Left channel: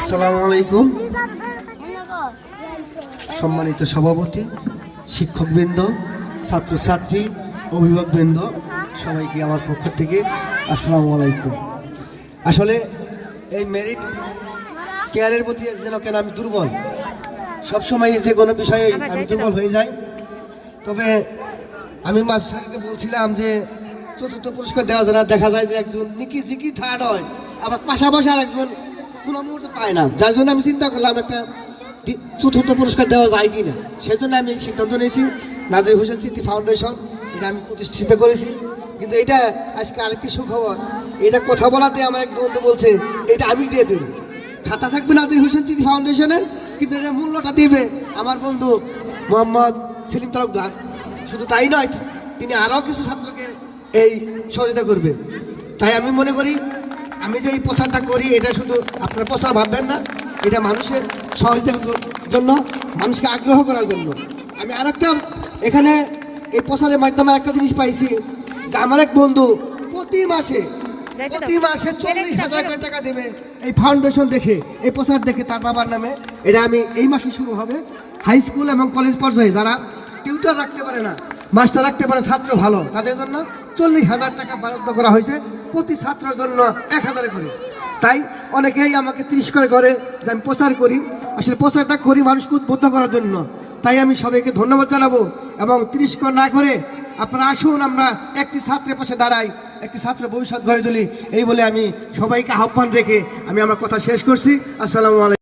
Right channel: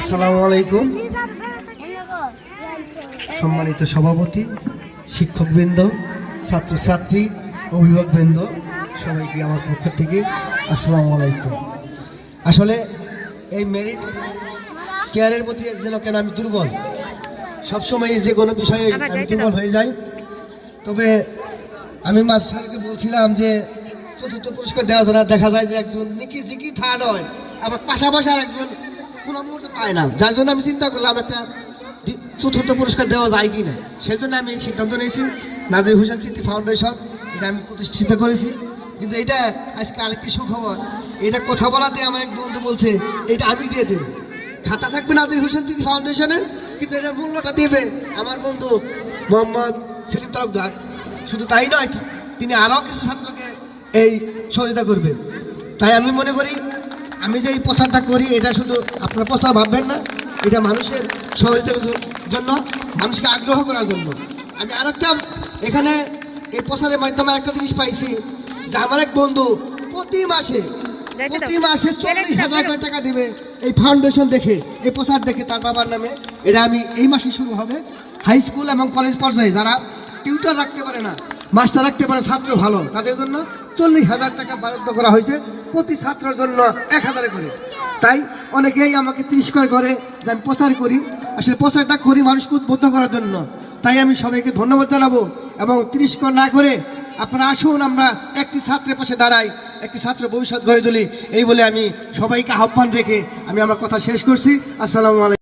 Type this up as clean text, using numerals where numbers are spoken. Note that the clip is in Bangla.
আসসালামু আলাইকুম। সম্মানিত সভাপতি, শিক্ষকবৃন্দ, ছাত্রছাত্রী, অভিভাবকবৃন্দ, সবাইকে আমার পক্ষ থেকে আসসালামু আলাইকুম। আসলে এই মেরিট কেয়ারের প্রতি যেন কেন আমি দুর্বল, সবসময় যে কোনো বিষয়ে আমি দুর্বল হয়ে যাই। তবে আমি মাস্টার স্যারকে বলছিলাম যে চতুর্থ পুরস্কার দেওয়া যায় না, দেখা যায় যে একজন নিকি জিকি থার্ড হয়, আবার পাশাপাশি আর একজন কোনো মুহূর্তে পায় না, যার জন্য আমি চিন্তা করলাম একটা চতুর্থ পুরস্কার দেওয়া যায় কি না। সেই জন্য আমি এই সিদ্ধান্ত নিয়েছি, নাজির হোসেন স্মৃতি ফাউন্ডেশন এটা আমি প্রতিষ্ঠিত করেছি। কিন্তু এটা আজকে আরেকটি সুখবর, এটা কথা বলাতে আমার এক বন্ধু বলছে এটা আমি দিয়ে দেবো, খাতা থাকবে নাজির হোসেন স্মৃতি ফাউন্ডেশনের, কিন্তু এটা মূল্যটা দেবে আমার বন্ধু মোহাম্মদ সেলিম তালুকদার। শুধু তাই নয়, তিনি আরও কিছু ছাত্রকে এই সহযোগিতা করবে। তাই আমি মনে করি আমি যে এই প্রচারটা করি এটা শুধু আপনার প্রচার ভাববেন না, এটা মানুষের সহযোগিতার জন্য, মানুষকে আগ্রহ করার জন্য। আমি আরেকটা এখানে এই প্রচারের মাধ্যমে একটা জিনিস পাইছি যে আমার এক বন্ধু প্রতি মাসে 40,000 টাকা দেবে এই ফাউন্ডেশন দেখে, এই প্রচার দেখে তার বাবার নামে। এটা আমি এই মাসে শুরু হবে। হাই স্কুল এবং কলেজ পর্যায়ে যারা টিউটর রাখতে পারে না, মাস্টার রাখতে পারে, ছাত্র ভালো, তাদের জন্য 40,000 টাকা বরাদ্দ করা হয়েছে, প্রতি ছাত্রের জন্য 1,000 করে। তাই অনেকেই আমাকে তিরস্কার করে যে আমি প্রচার করি, আসলে প্রচারটা করি মানুষকে উদ্বুদ্ধ করার জন্য। তাই আমি সবাইকে ধন্যবাদ জানাবো এবং তিরস্কার না করে আপনারা আসুন, আমরা একটি ছাত্রের পাশে দাঁড়াই, একটি ছাত্র ভবিষ্যৎ গড়ে তুলি, এই বলে আমি সবাইকে আহ্বান রেখে আমি আমার কথা শেষ করছি। আসসালামু আলাইকুম।